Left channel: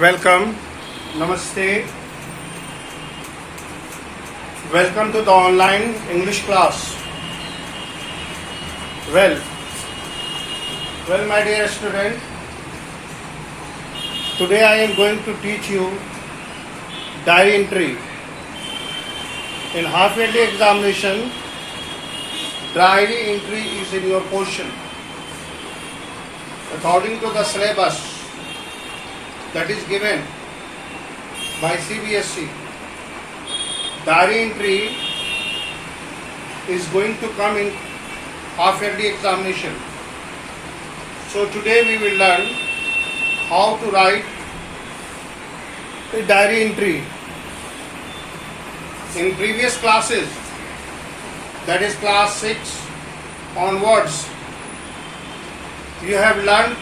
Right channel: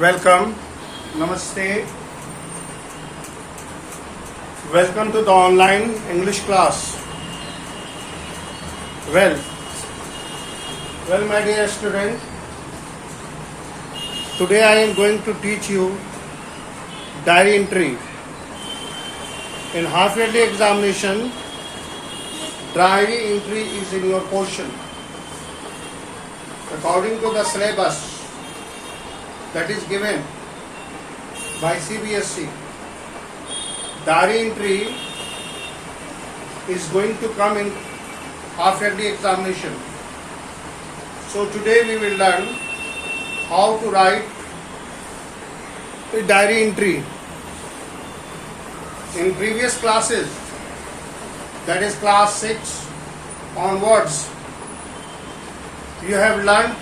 Welcome, Namaste. Welcome to the online English class. Well, my dear student, today I am going to teach you diary entry. In half-yearly examination, diary entry is in your portion. According to the syllabus that is given by CBSE, diary entry is going to come in half-yearly examination. So today we will learn how to write a diary entry. In previous classes, that is class 6 onwards, you have learned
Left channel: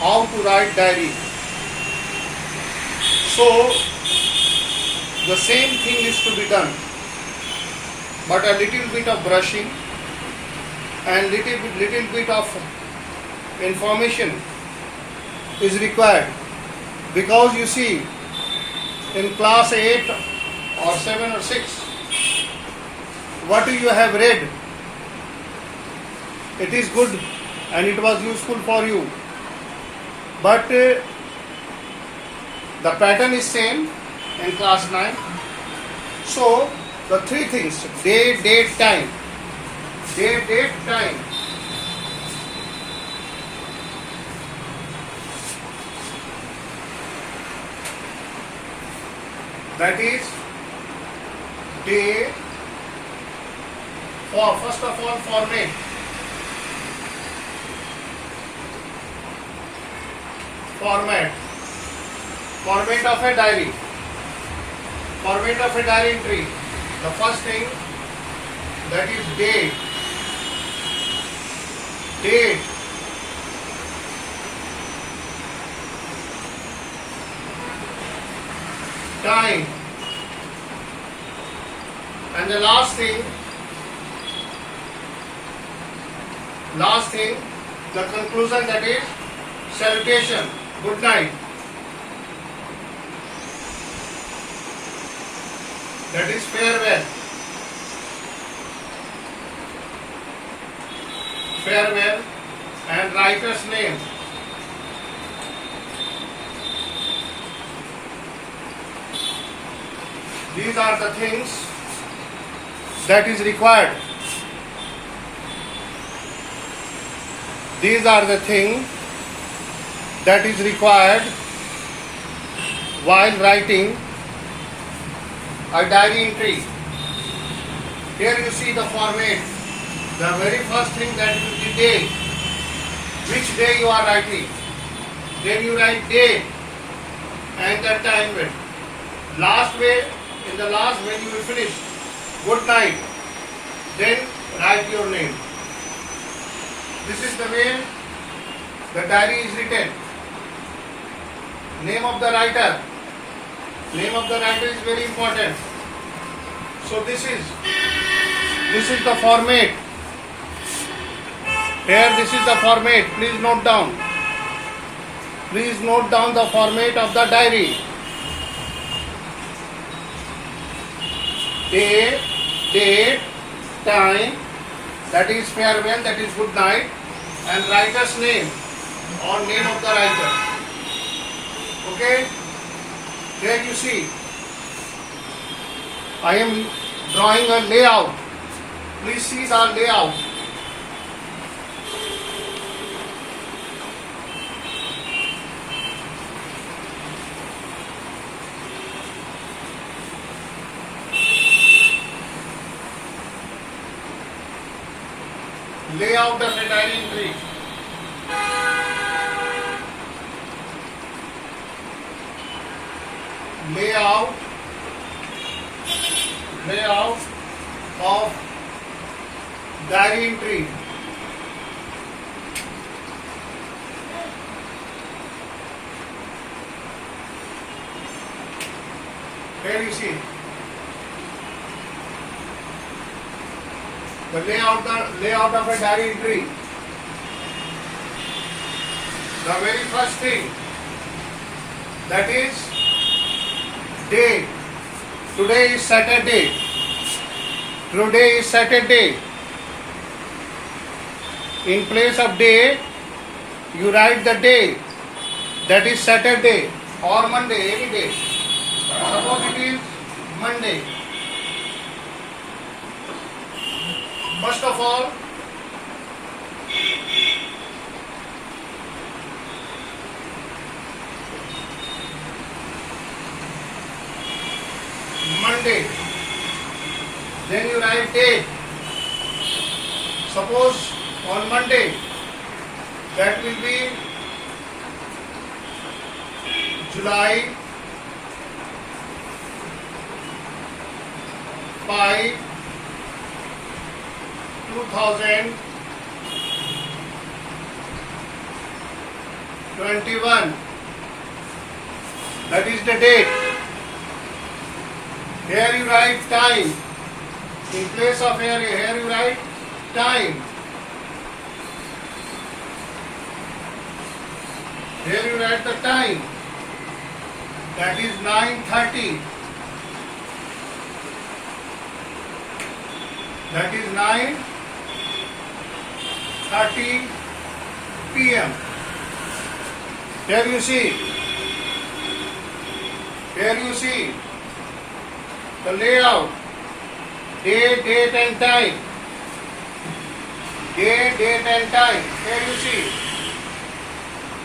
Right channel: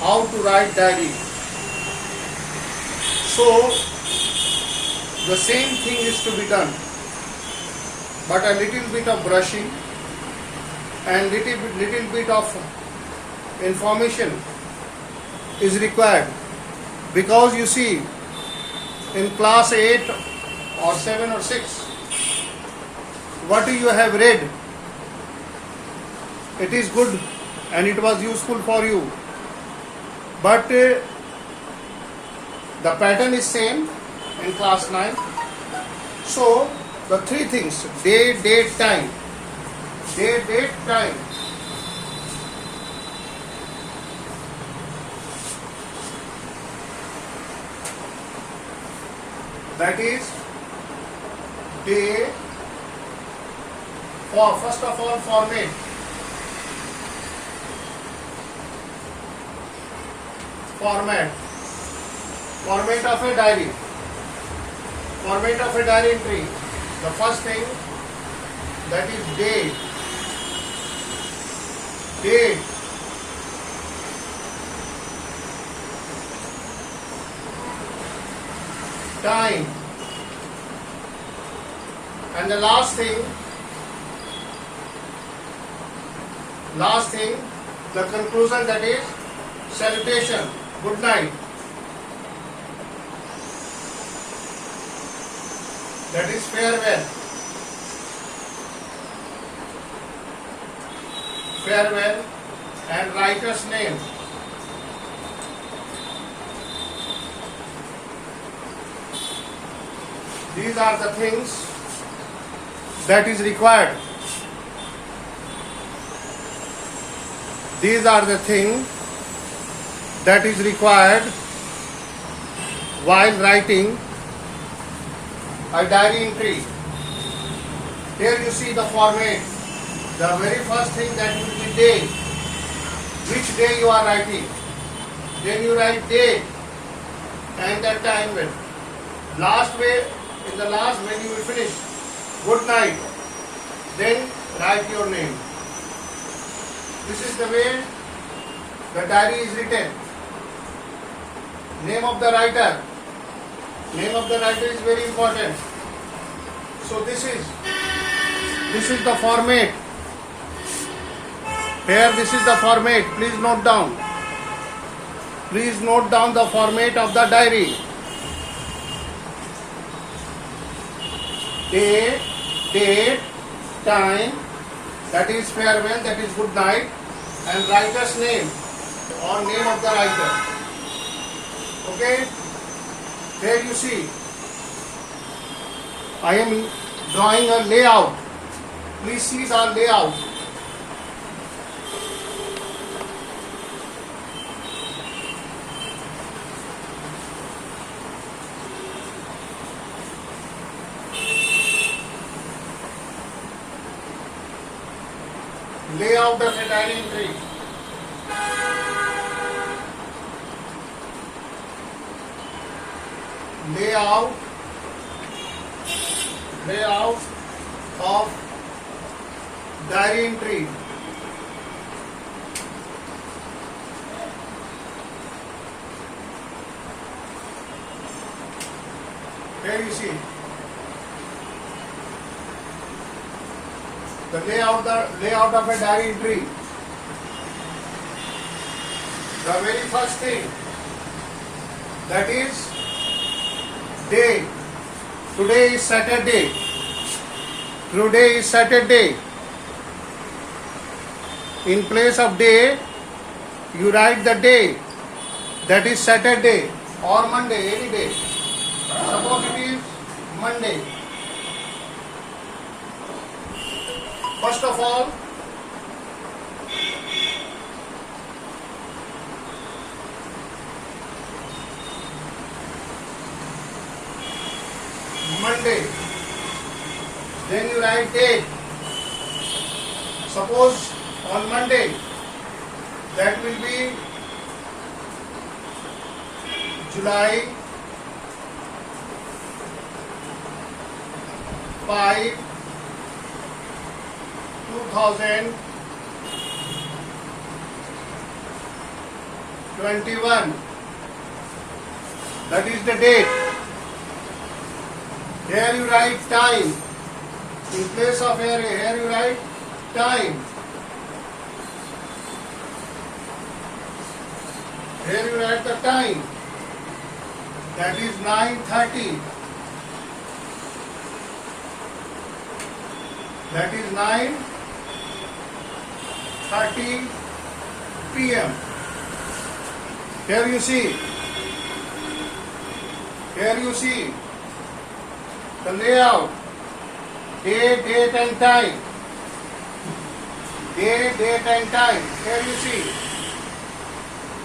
how to write diary. So the same thing is to be done, but a little bit of brushing and little bit of information is required, because you see, in class 8 or 7 or 6, what you have read, it is good and it was useful for you, but the pattern is same in class 9. So the three things: day, date, time. Day, date, time. That is day. First of all, format. Format of a diary. Format of a diary entry. The first thing, that is date. Date. Time. And the last thing, the conclusion, that is salutation. Good night. That is farewell. Farewell and writer's name. These are the things that is required. These are the things that is required while writing a diary entry. Here you see the format. The very first thing, that will be day. Which day you are writing. Then you write date and the time when. In the last, when you will finish, good night. Then write your name. This is the way the diary is written. Name of the writer. Name of the writer is very important. So this is the format. Here this is the format. Please note down. Please note down the format of the diary. Day, date, time, that is farewell, that is good night, and writer's name or name of the writer. Okay? Here you see, I am drawing a layout. Please see the layout. Layout of a diary entry. Layout of diary entry. Here you see the layout of a diary entry. The very first thing, that is day. Today is Saturday. Today is Saturday. In place of day, you write the day. That is Saturday or Monday, any day. Suppose it is Monday. First of all, Monday. Then you write date. Suppose on Monday, that will be July 5, 2021. That is the date. Here you write time. In place of here you write time. Here you write the time. That is 9:30. That is 9:30 p.m. Here you see the layout. Day, date and time. Day, date and time. Here you see.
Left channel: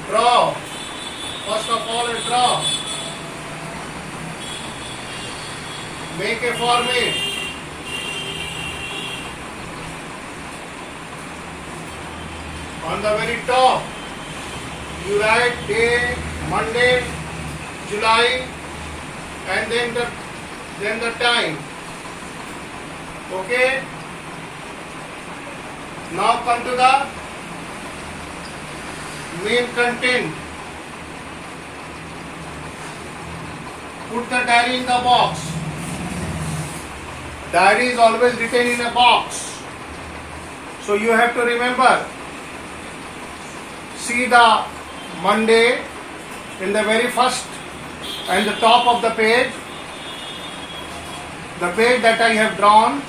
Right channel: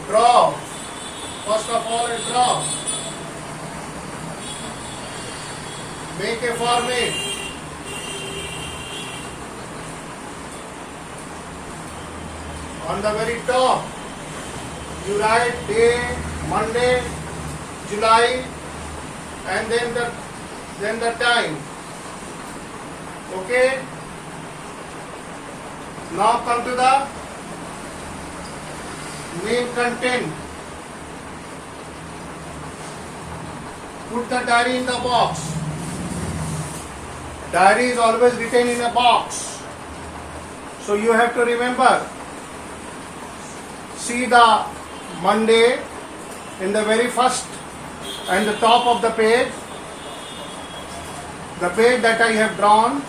Draw. First of all, a draw. Make a format. On the very top, you write day, Monday, July, and then the time. Okay. Now come to the main content. Put the diary in the box. Diary is always written in a box. So you have to remember. See the Monday in the very first and the top of the page. The page that I have drawn,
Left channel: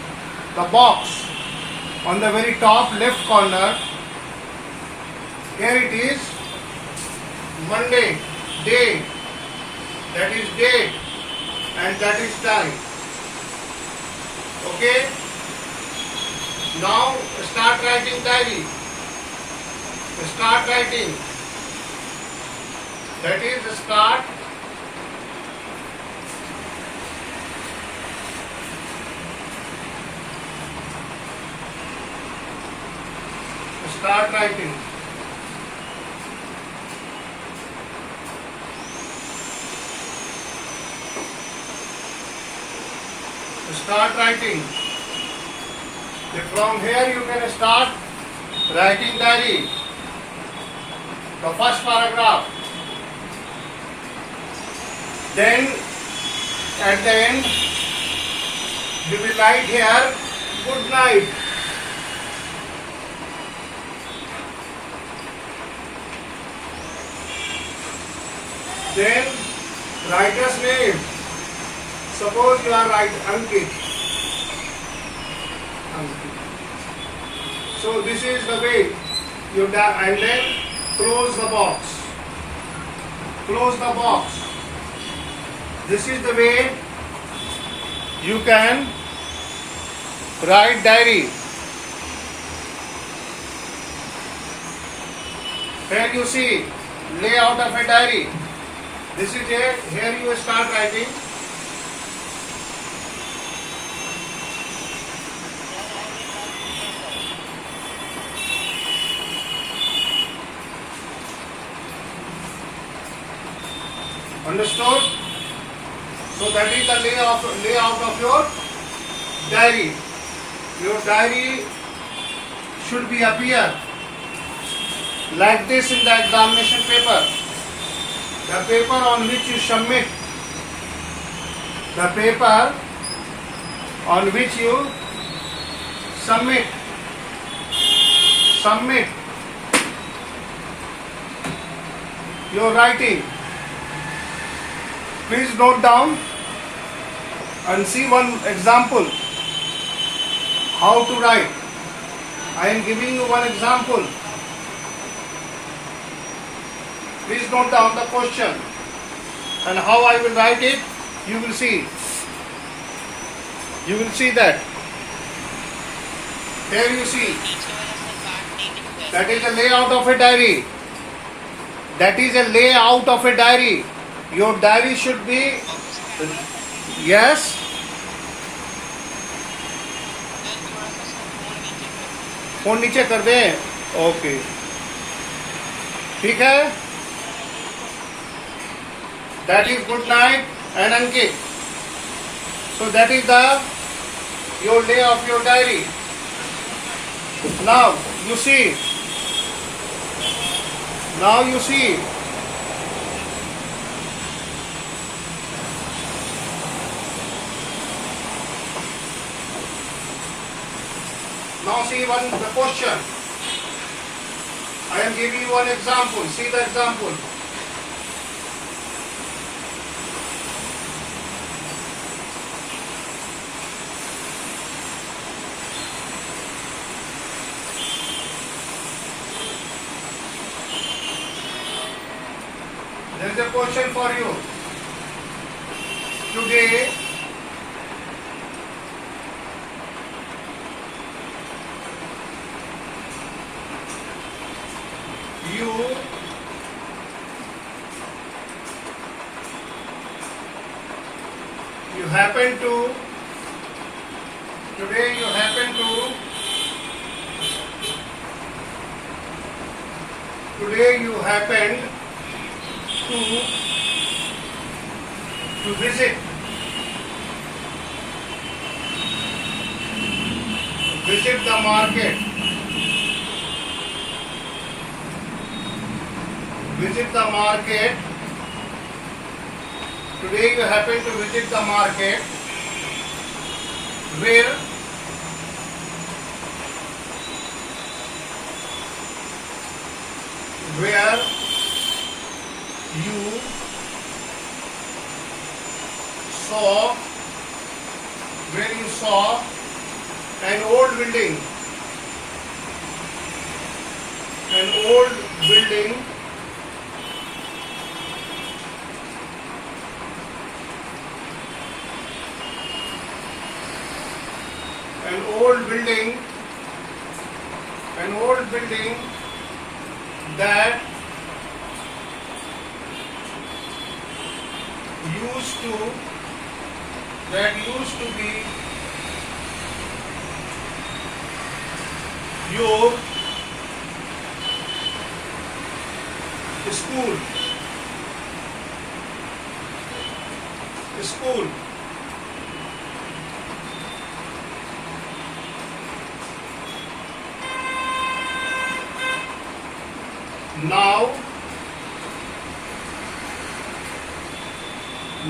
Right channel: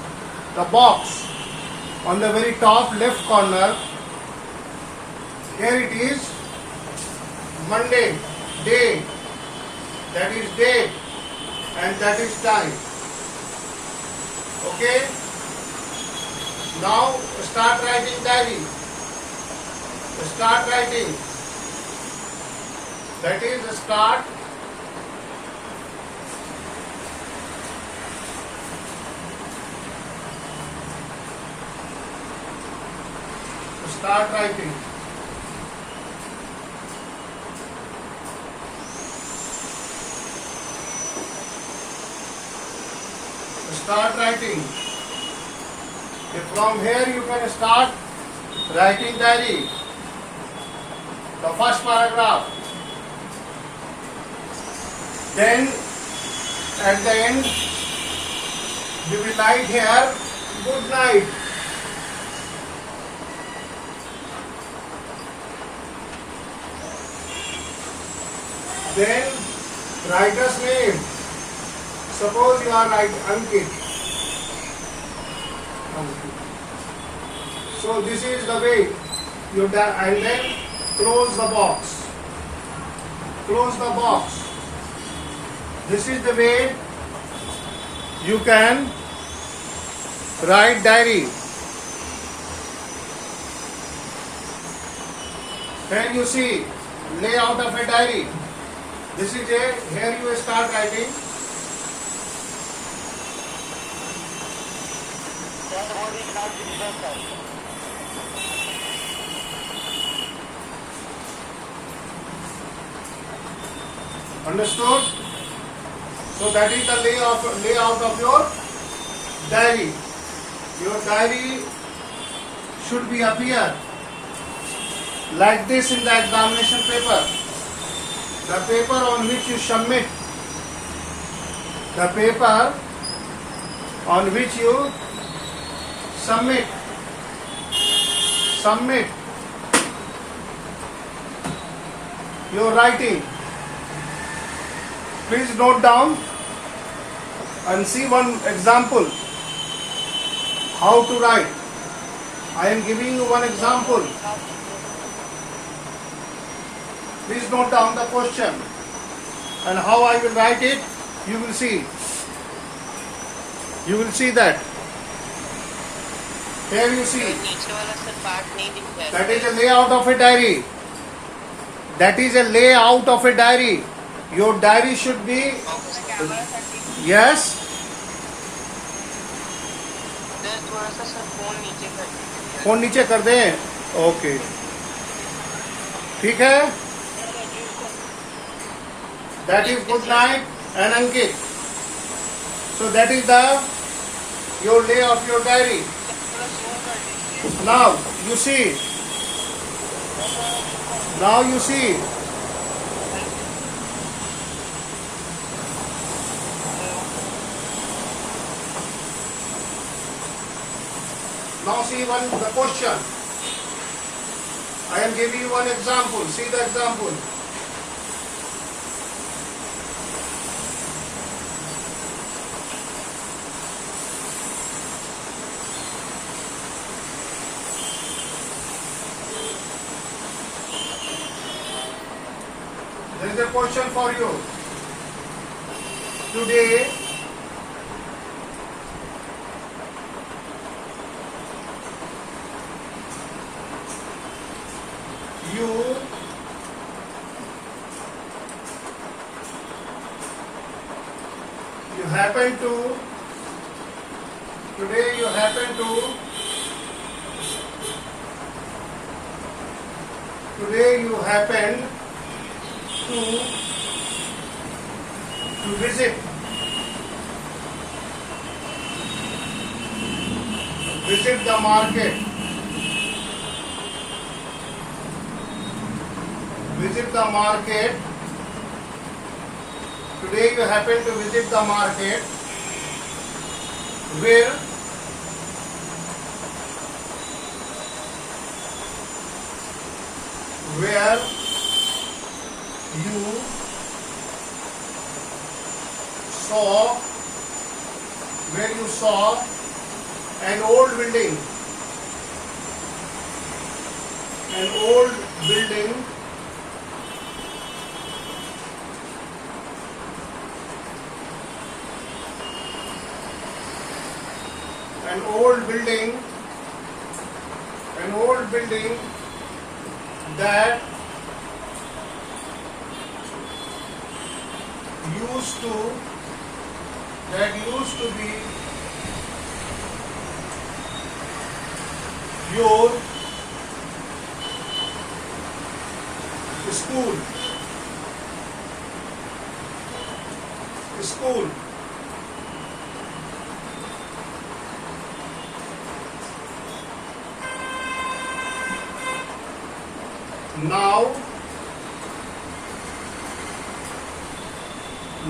the box on the very top left corner. Here it is Monday, day, that is date and that is time. Okay. Now start writing diary. Start writing. That is start. Start writing. Start writing. From here you can start writing diary. The first paragraph. Then at the end you will write here good night. Then writer's name. Suppose you are writing Ankit. So this is the way you and then close the box. Close the box. This is the way you can write diary. Here you see layout of a diary. This is a, here you start writing. Understood? So that is the layout of your diary. Your diary should be appear like this in the examination paper. The paper on which you submit. The paper on which you submit. Submit your writing. Please note down and see one example how to write. I am giving you one example. Please note down the question and how I will write it. You will see. You will see that. Here you see. That is a layout of a diary. That is a layout of a diary. Your diary should be. Yes. Phone नीचे कर दें. Okay. ठीक है. That is good night and Ankit. So that is the your day of your diary. Now you see. Now you see. Now see the question. I am giving you one example. See the example. There is a question for you. Today, you happen to today you happen to today you happened to visit the market. Visit the market. Today you happen to visit the market where you saw an old building. An old building that used to be your school.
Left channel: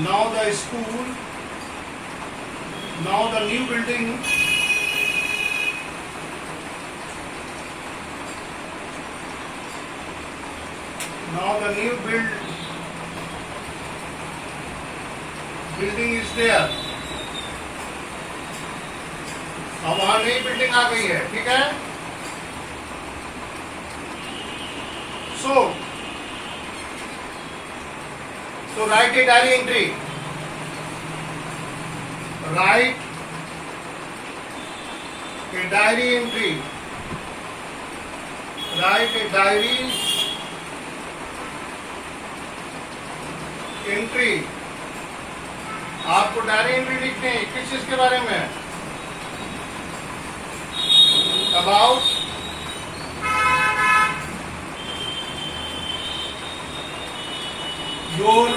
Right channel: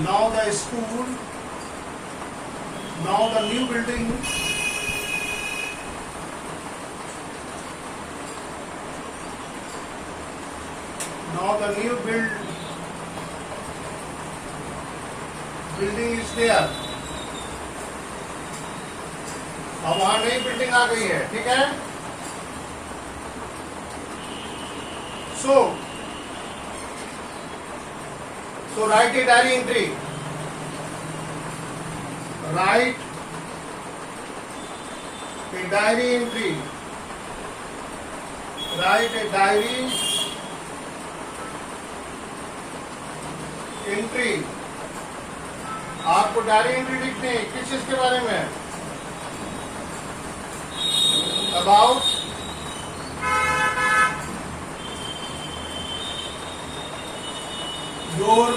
Now the school, now the new building building is there. अब वहां नई building आ गई है. ठीक है. So write a diary entry. Write a diary entry. Write a diary entry. आपको diary entry लिखनी है. किस चीज के बारे में? About your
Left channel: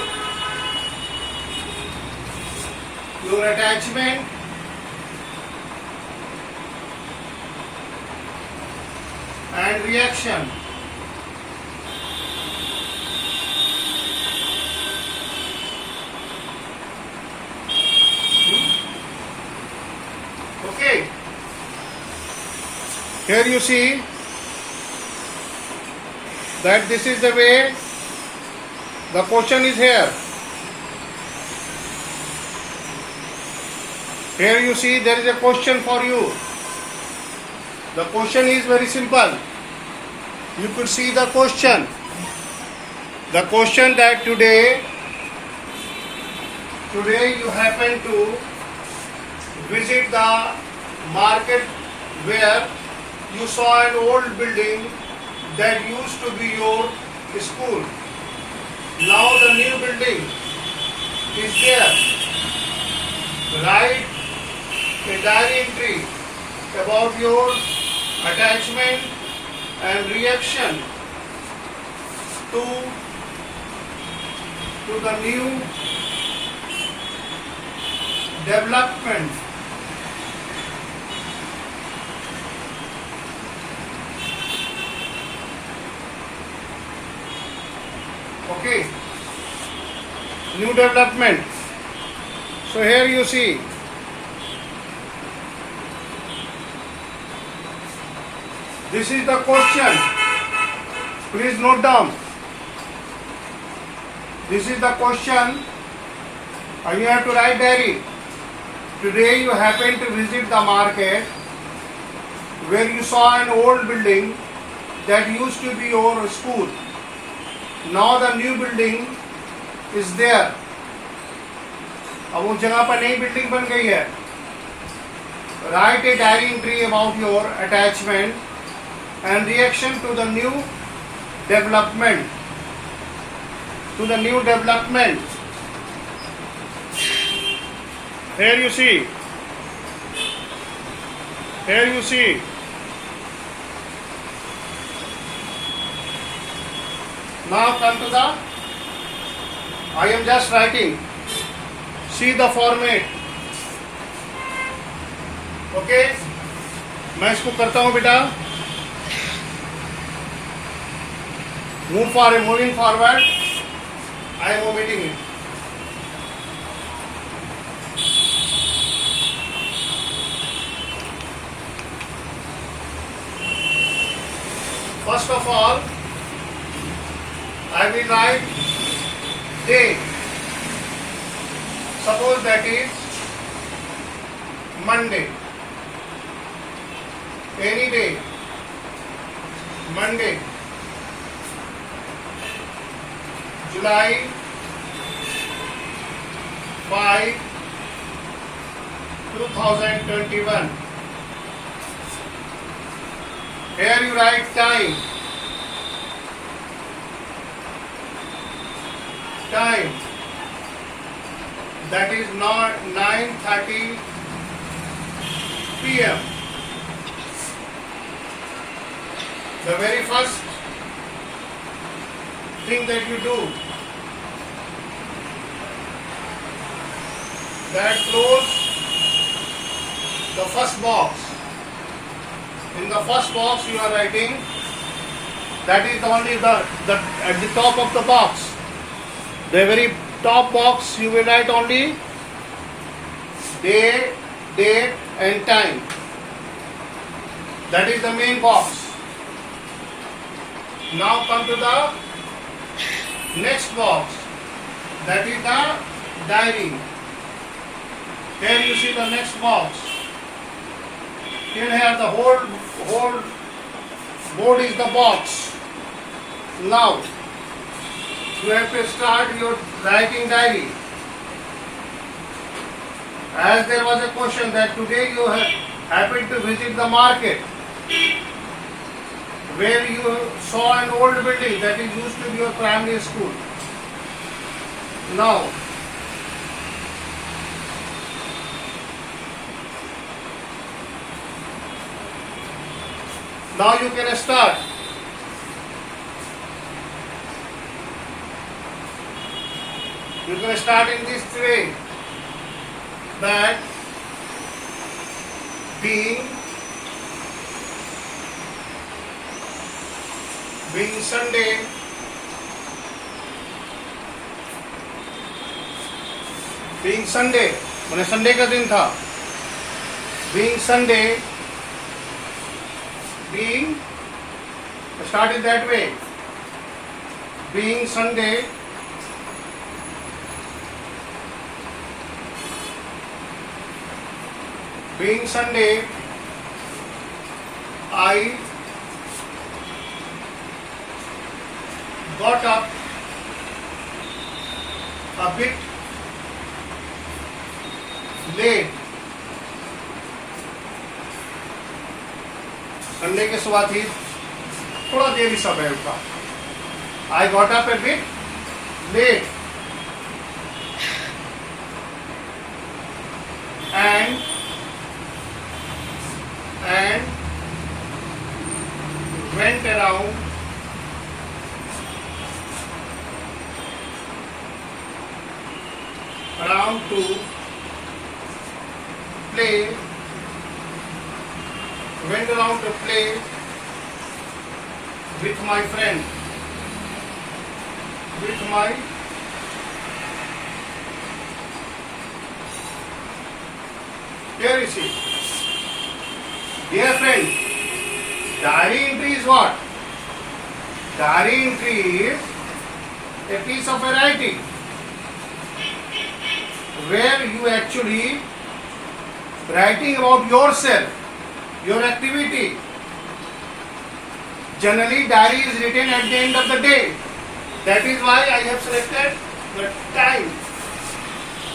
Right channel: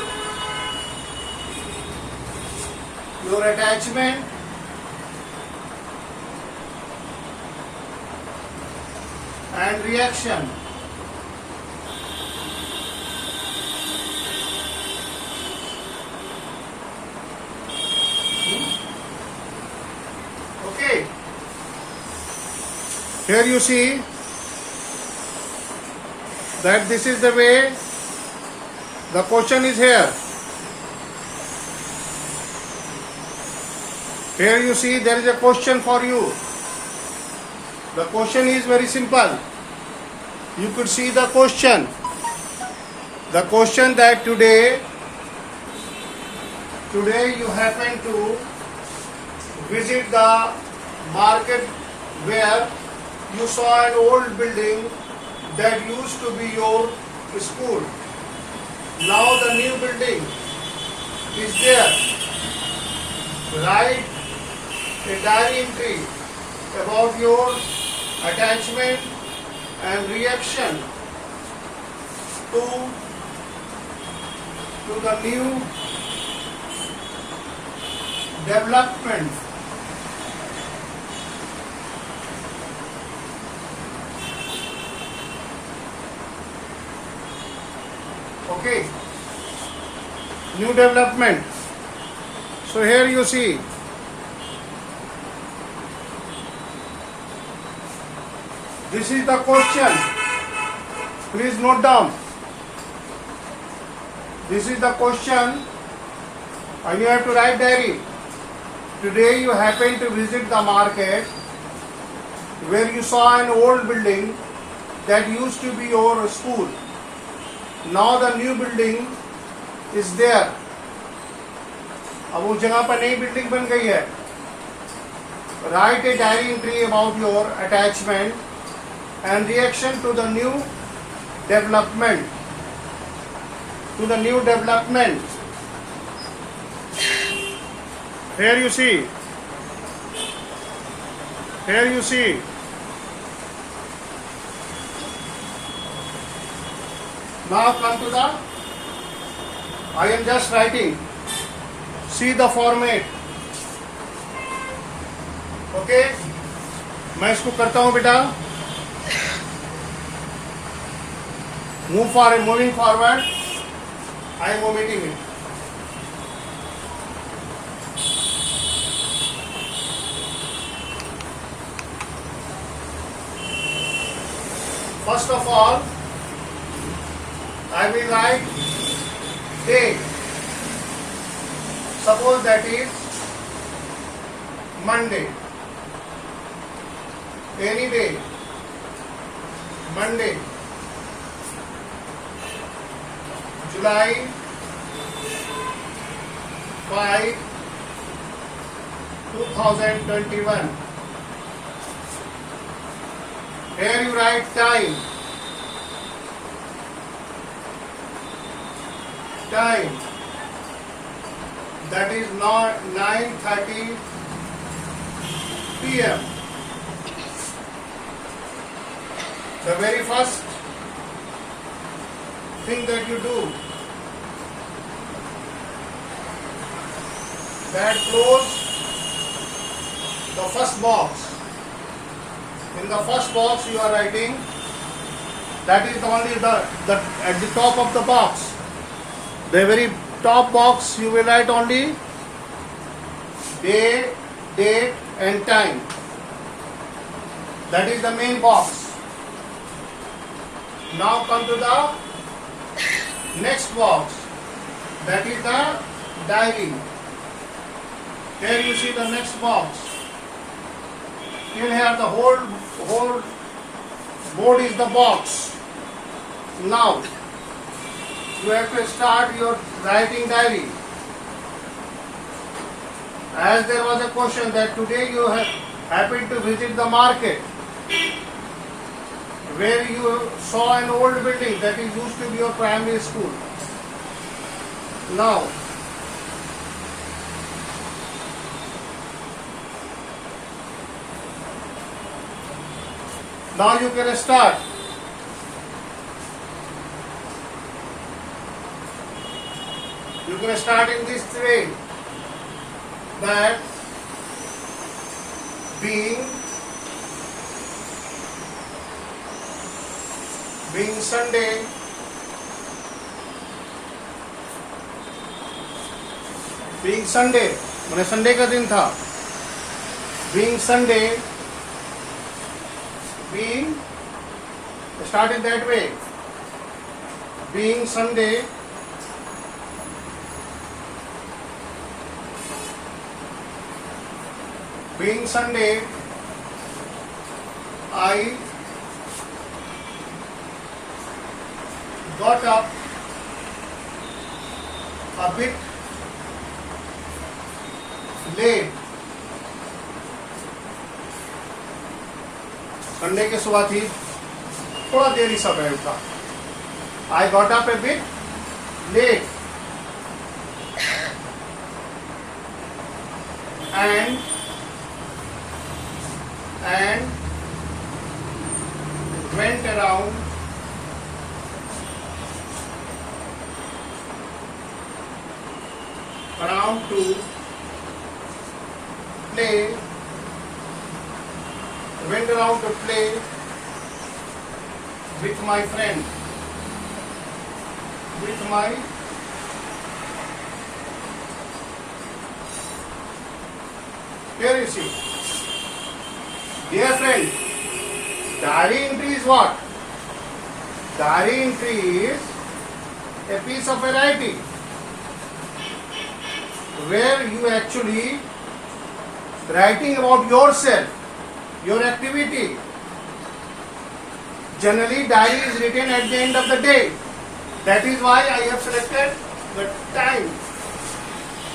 attachment and reaction. Okay. Here you see that this is the way the question is here. Here you see there is a question for you. The question is very simple. You could see the question. The question that today you happen to visit the market where you saw an old building that used to be your school. Now the new building is there. Write a diary entry about your attachment and reaction to the new development. Okay, new development. So here you see this is the question. Please note down. This is the question and you have to write diary. Today you happen to visit the market where you saw an old building that used to be your school. Now the new building is there. अब उस जगह पर नई building बन गई है. Write a diary entry about your attachment and reaction to the new development. To the new development. Here you see. Here you see. Now come to the. I am just writing. See the format. Okay. मैं इसको करता हूँ बेटा. Moving forward. I am omitting it. First of all, I will write day. Suppose that is Monday. Any day. Monday. July 5, 2021. Here you write time. Time. That is not 9:30 p.m. The very first thing that you do, that close the first box. In the first box you are writing, that is only the at the top of the box. The very top box you will write only day, date and time. That is the main box. Now come to the next box. That is the diary. Here you see the next box. Here the whole board is the box. Now you have to start your writing diary. As there was a question that today you have happened to visit the market where you saw an old building that is used to be your primary school. Now you can start. You can start in this way, that being Sunday, मैंने Sunday का दिन था. Being Sunday, start it that way. Being Sunday, being Sunday, I got up a bit late. Sunday के सुबह थी, थोड़ा देरी समय उठा. I got up a bit late and went around to play. Went around to play with my friend. Here you see. Dear friend, diary entry is what? Diary entry is a piece of writing where you actually writing about yourself, your activity. Generally, diary is written at the end of the day. That is why I have selected the time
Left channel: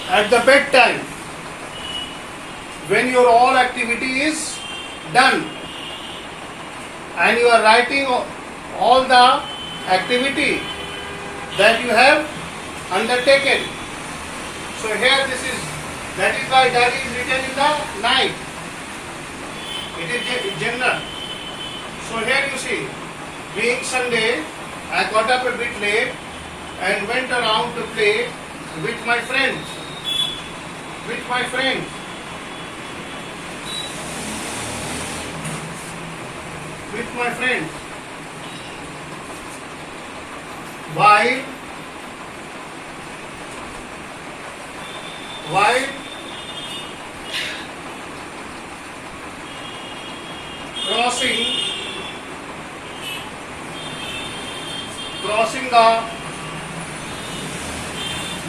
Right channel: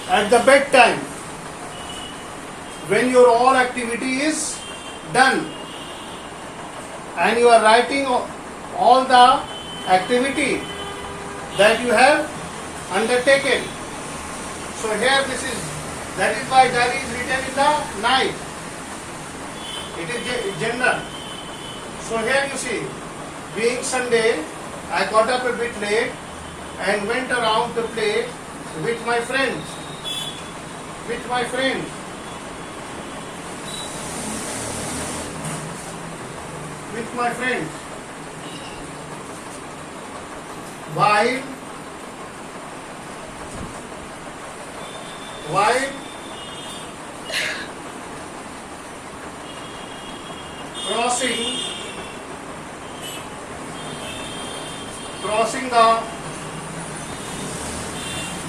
at the bedtime when your all activity is done and you are writing all the activity that you have undertaken. So here that is why diary is written in the night. It is general. So here you see, being Sunday, I got up a bit late and went around to play with my friends. While crossing the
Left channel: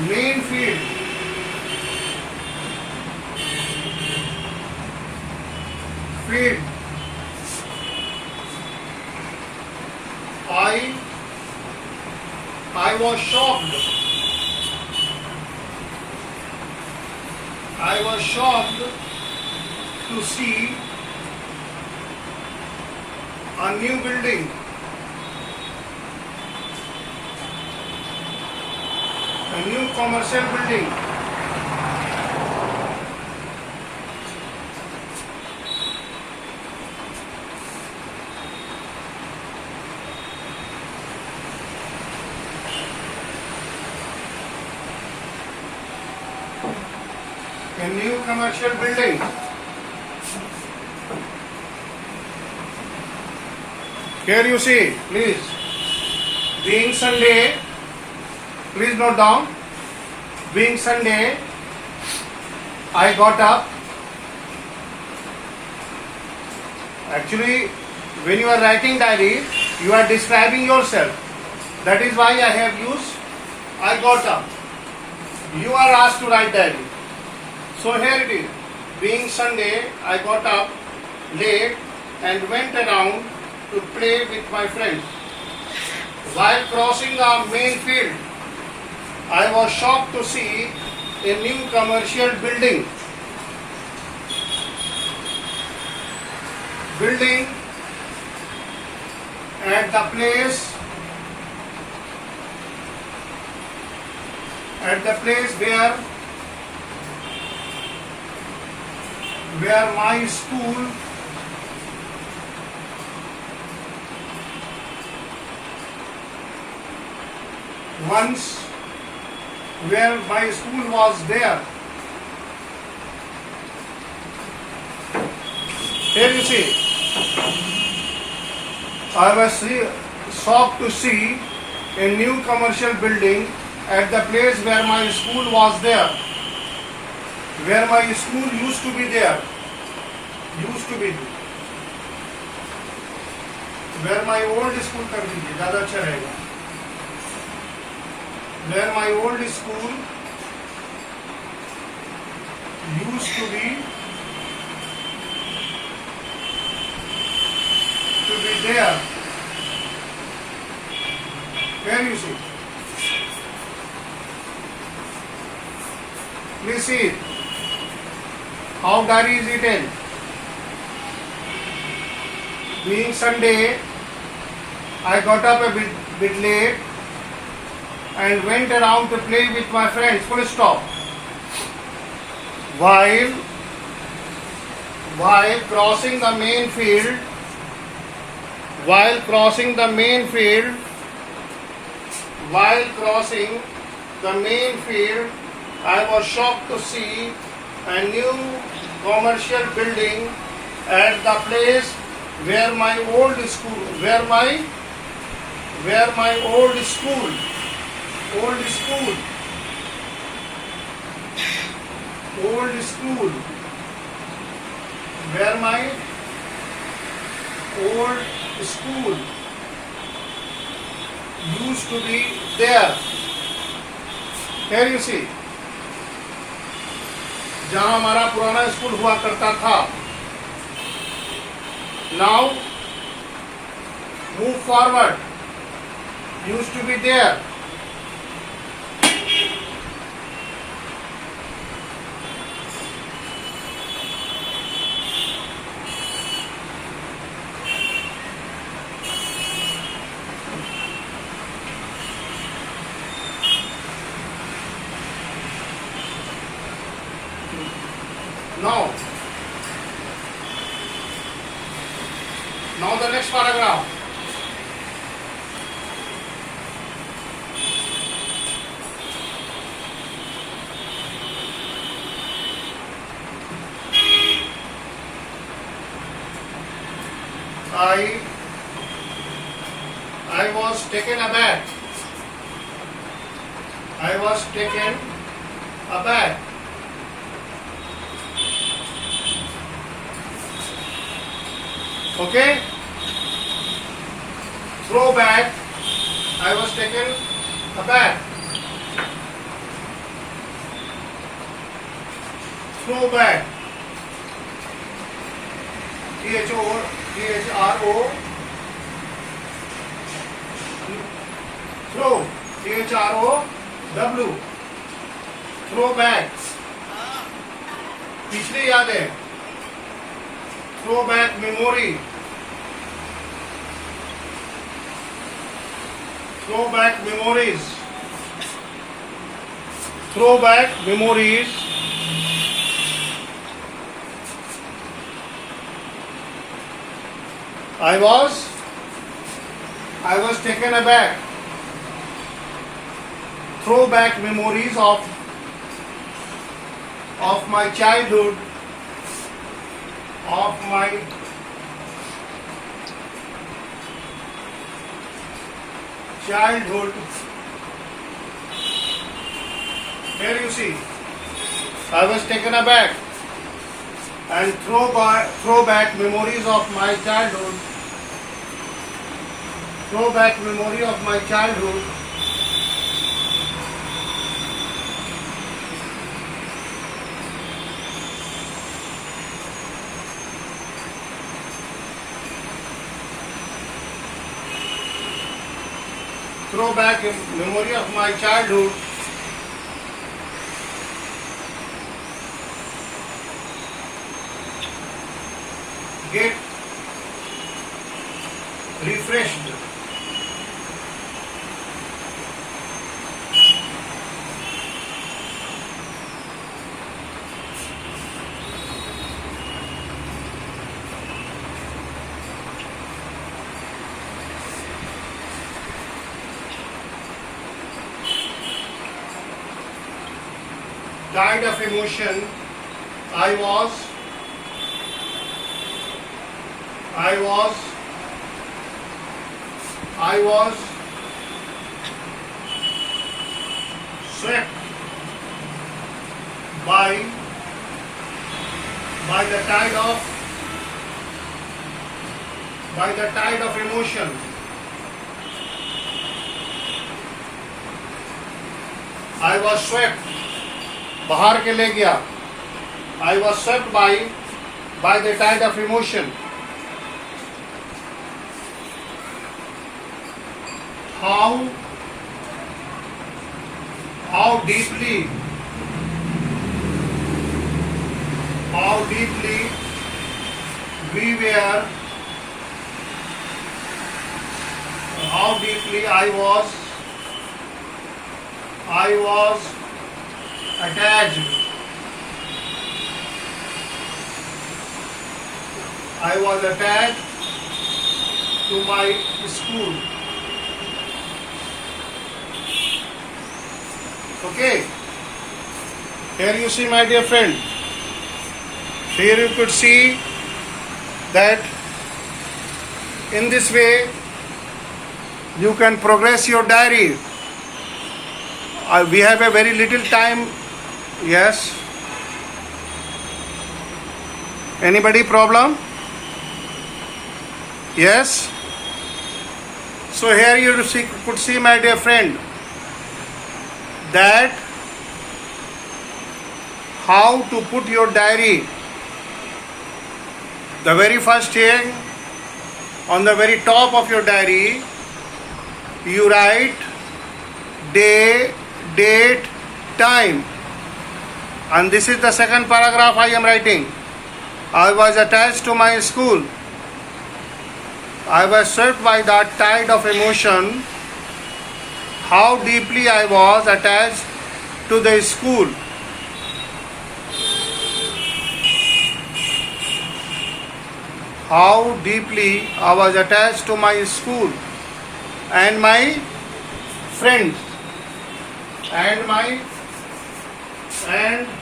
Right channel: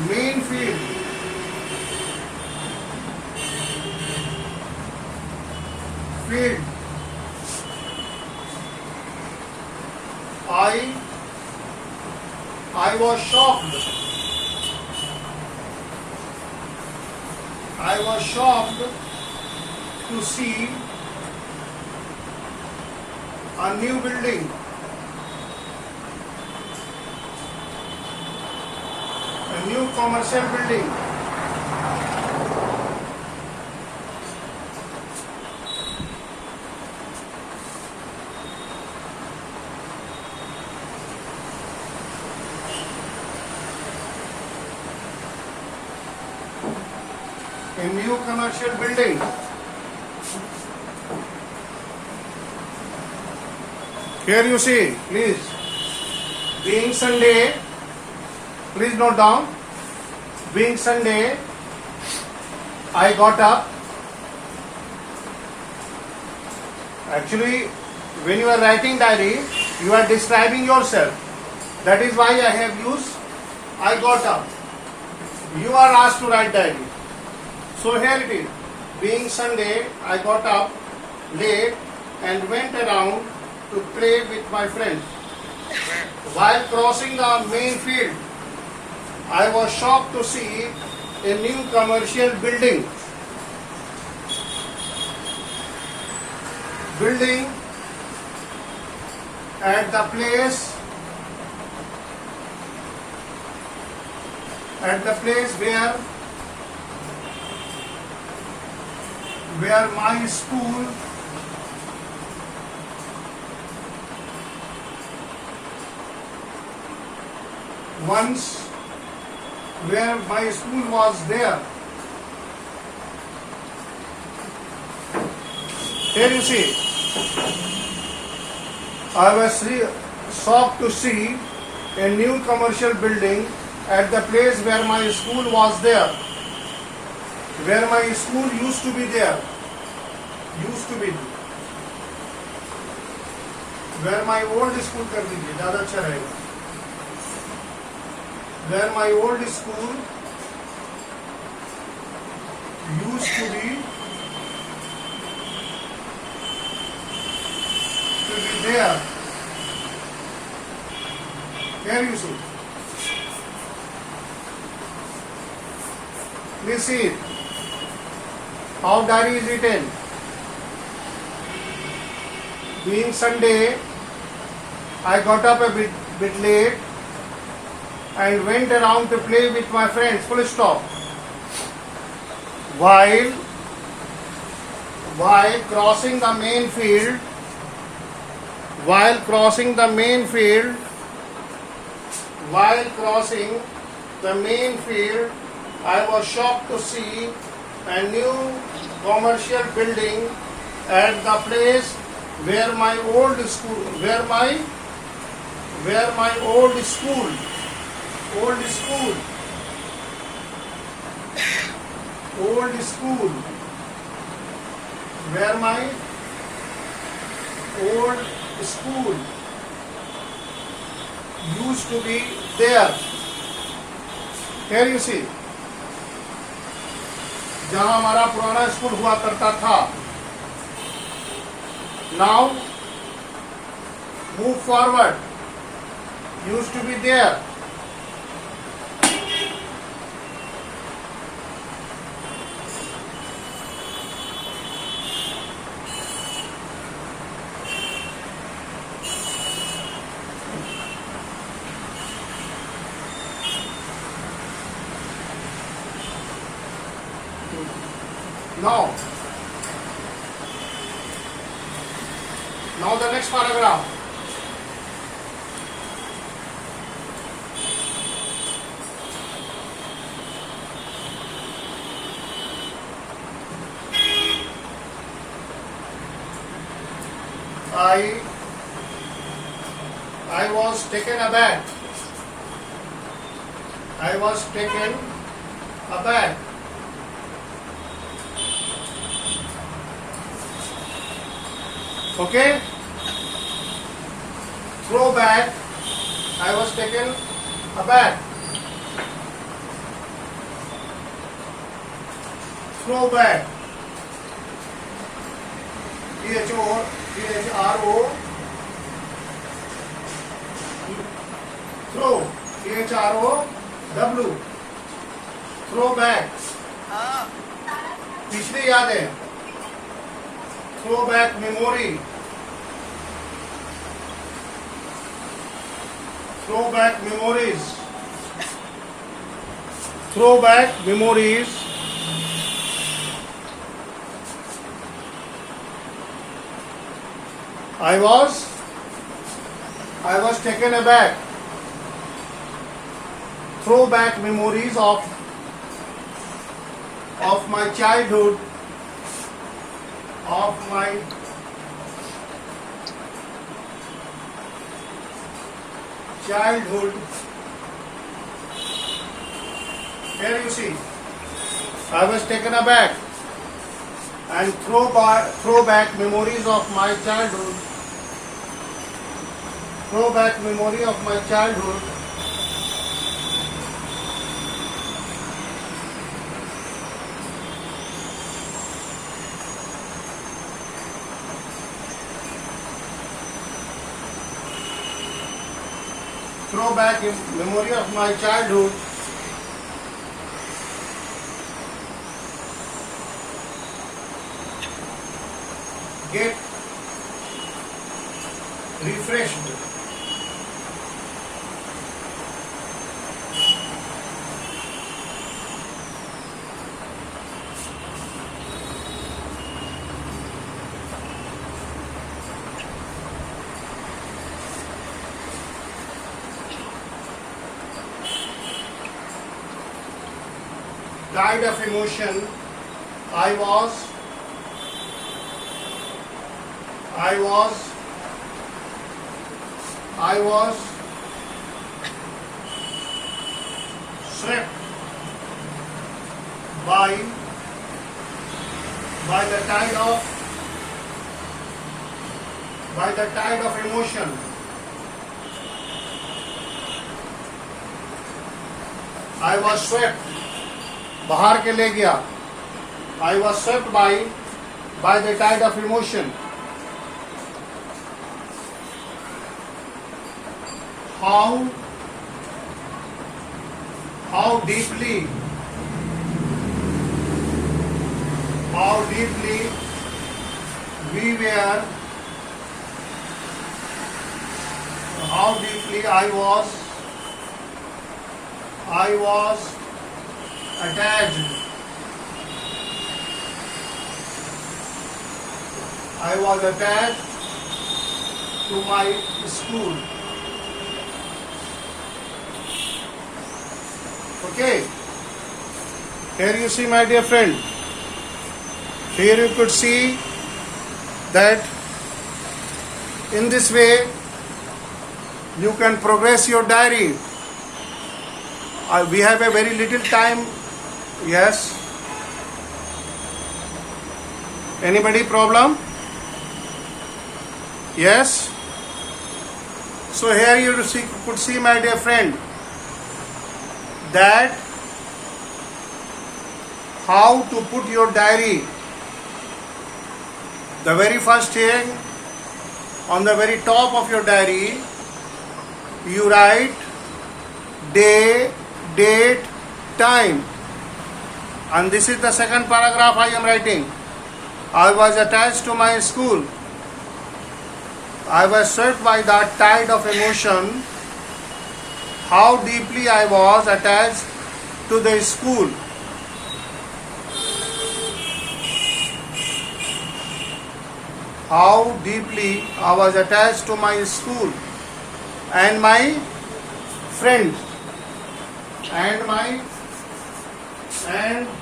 main field, I was shocked to see a new building. A new commercial building. A new commercial building. Here you see, please. Being Sunday, please note down. Being Sunday, I got up. Actually, when you are writing diary, you are describing yourself. That is why I have used I got up. You are asked to write diary. So here it is. Being Sunday, I got up late and went around to play with my friends. While crossing the main field, I was shocked to see a new commercial building. At the place where my school was there. Here you see, I was shocked to see a new commercial building at the place where my school was there. Where my school used to be there. Where my old school कर दीजिए, ज़्यादा अच्छा रहेगा. Where my old school used to be there. Here you see. Please see it. How diary is written. Being Sunday, I got up a bit late and went around to play with my friends. Full stop. While crossing the main field, I was shocked to see a new commercial building at the place where my old school used to be there. Here you see. जहाँ हमारा पुराना school हुआ करता था. Now move forward. Used to be there. Now the next paragraph. I was taken aback. Okay? Throw back. I was taken aback. Throw back. Thro. Throw. Throw. Throw back. पिछली यादें. Throw back memory. Throw back memories. I was taken aback. Throw back memories of my childhood. Here you see, I was taken aback and throw back memories of my childhood. Throw back memory of my childhood. Throw back memory of my childhood. Get refreshed. Died of emotion. I was swept by the tide of emotion. I was swept. बाहर के ले गया. I was swept by the tide of emotion. how deeply we were, how deeply I was attached. I was attached to my school. Okay. Here you see, my dear friend. Here you could see that in this way you can progress your diary. We have a very little time. Yes. Anybody problem? Yes. So here you could see, my dear friend, that how to put your diary. The very first thing, on the very top of your diary, you write day, date, time. And this is the second paragraph I am writing. I was attached to my school. I was swept by that tide of emotion. How deeply I was attached to the school. How deeply I was attached to my school and my friends and my friends.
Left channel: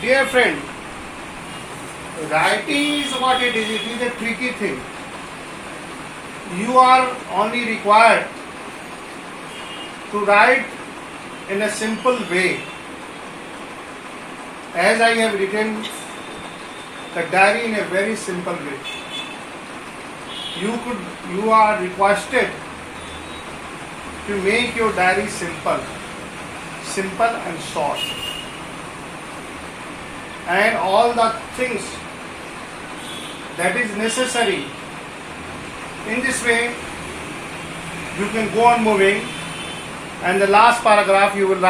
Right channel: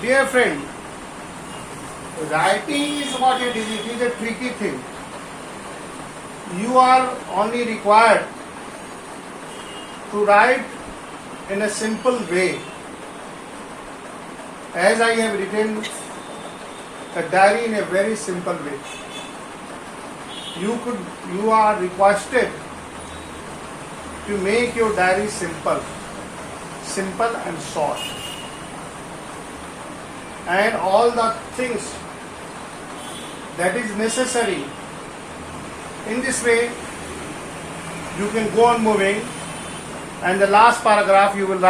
Dear friend, writing is what it is. It is a tricky thing. You are only required to write in a simple way. As I have written the diary in a very simple way. You are requested to make your diary simple and short. And all the things that is necessary. In this way, you can go on moving, and the last paragraph you will write.